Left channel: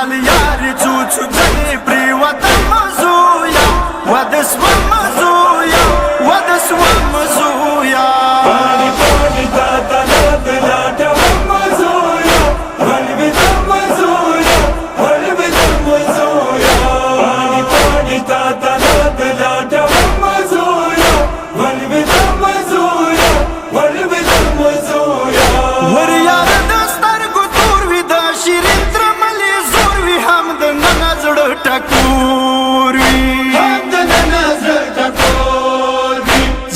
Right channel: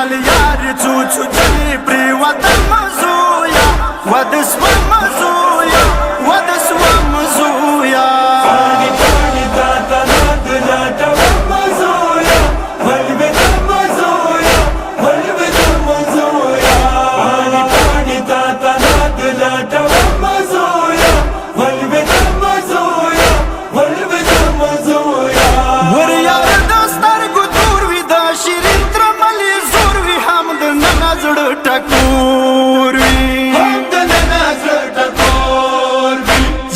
ځل یارې څو څو ځلې پرېوتم زویه واده سوم زویه واده سوم زویه پاڼې پاڼې تا ته ناد لټوم زویه ولوېدم زویه ولوېدم زویه پاڼې پاڼې تا ته ناد لټوم زویه ولوېدم زویه ولوېدم زویه ور یاره د سترګو تور وي د شیرین ترملې زور وي هم د ننه زړه ټکور وي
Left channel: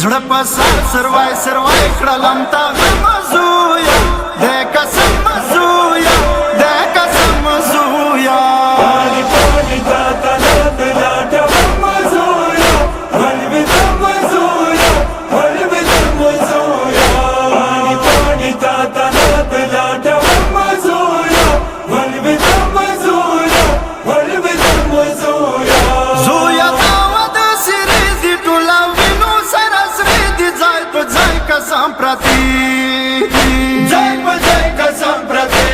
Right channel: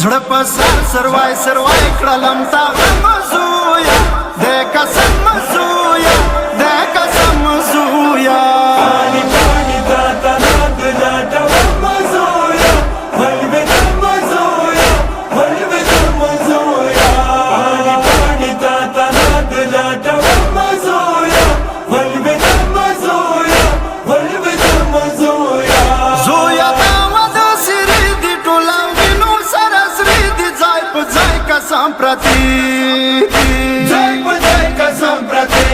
زړه په سر سروای سروای کړلم تا غم زویه د قسم زویه د قسم زویه پاڼې پاڼې تا ته ناد لټوم زویه ولوېدم زویه ولوېدم زویه پاڼې پاڼې تا ته ناد لټوم زویه ولوېدم زویه ولوېدم زویه زویه تا واده سرې دي ټوله وینو سره سرې دي ځای په ځای قسم پرتې دي ځای په ځای قسم پرتې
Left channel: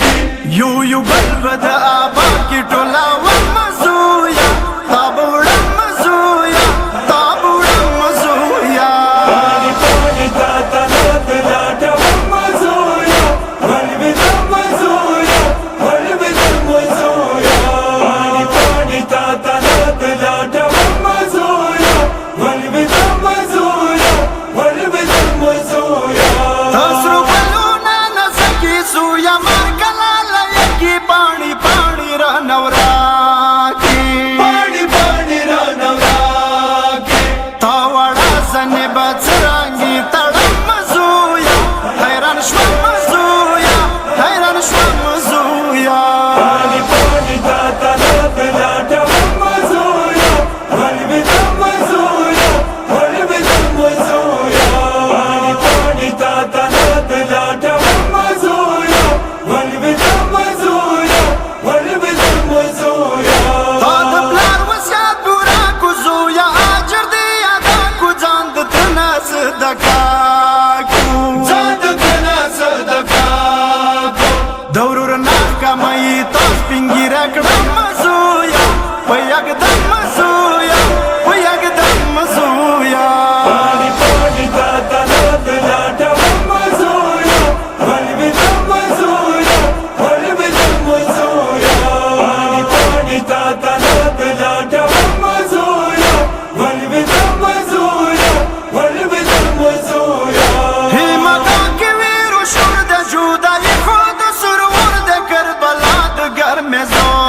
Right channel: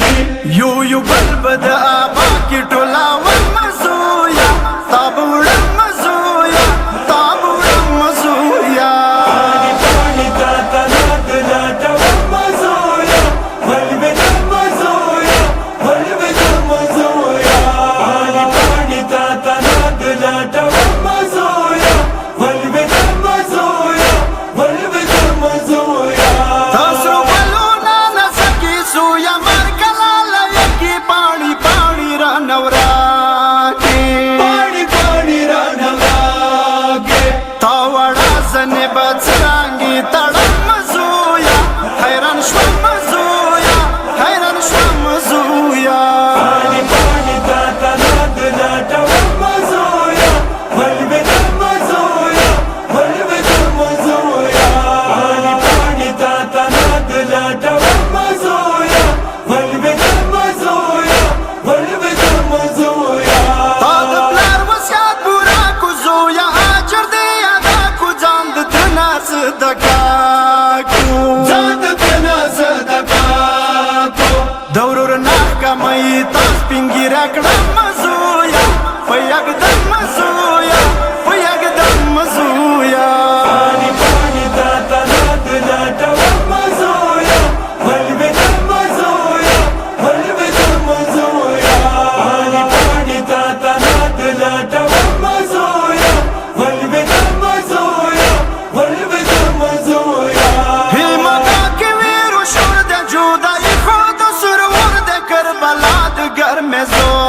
دي یو یو بل به د آبا کې ټوله وم زویه تا به وړم زویه تا به وړم زویه پاڼې پاڼې تا ته ناد لټوم زویه ولوېدم زویه ولوېدم زویه پاڼې پاڼې تا ته ناد لټوم زویه ولوېدم زویه ولوېدم زویه تا سرو ګلونه نڅکي زویه مرګلاله یکي پاڼې پاڼې رانه وراکې پاڼې پاڼې رانه وراکې تا وړه زنې به څرنګې تړم زویه حیران شوم زویه حیران شوم زویه پاڼې پاڼې تا ته ناد لټوم زویه ولوېدم زویه ولوېدم زویه پاڼې پاڼې تا ته ناد لټوم زویه ولوېدم زویه ولوېدم زویه تا د پلار وصیت پوره کو زویه اجر دې ادا کو ځان د تنه صدقه کو ځان د تنه صدقه کو د ورور ناکامۍ تا سپین ږیره کړم زویه په یکدم زویه په یکدم زویه پاڼې پاڼې تا ته ناد لټوم زویه ولوېدم زویه ولوېدم زویه پاڼې پاڼې تا ته ناد لټوم زویه ولوېدم زویه ولوېدم زویه هیمگا کې ویرو شور د جدایي خود سرور د کربلا د ګرمې زور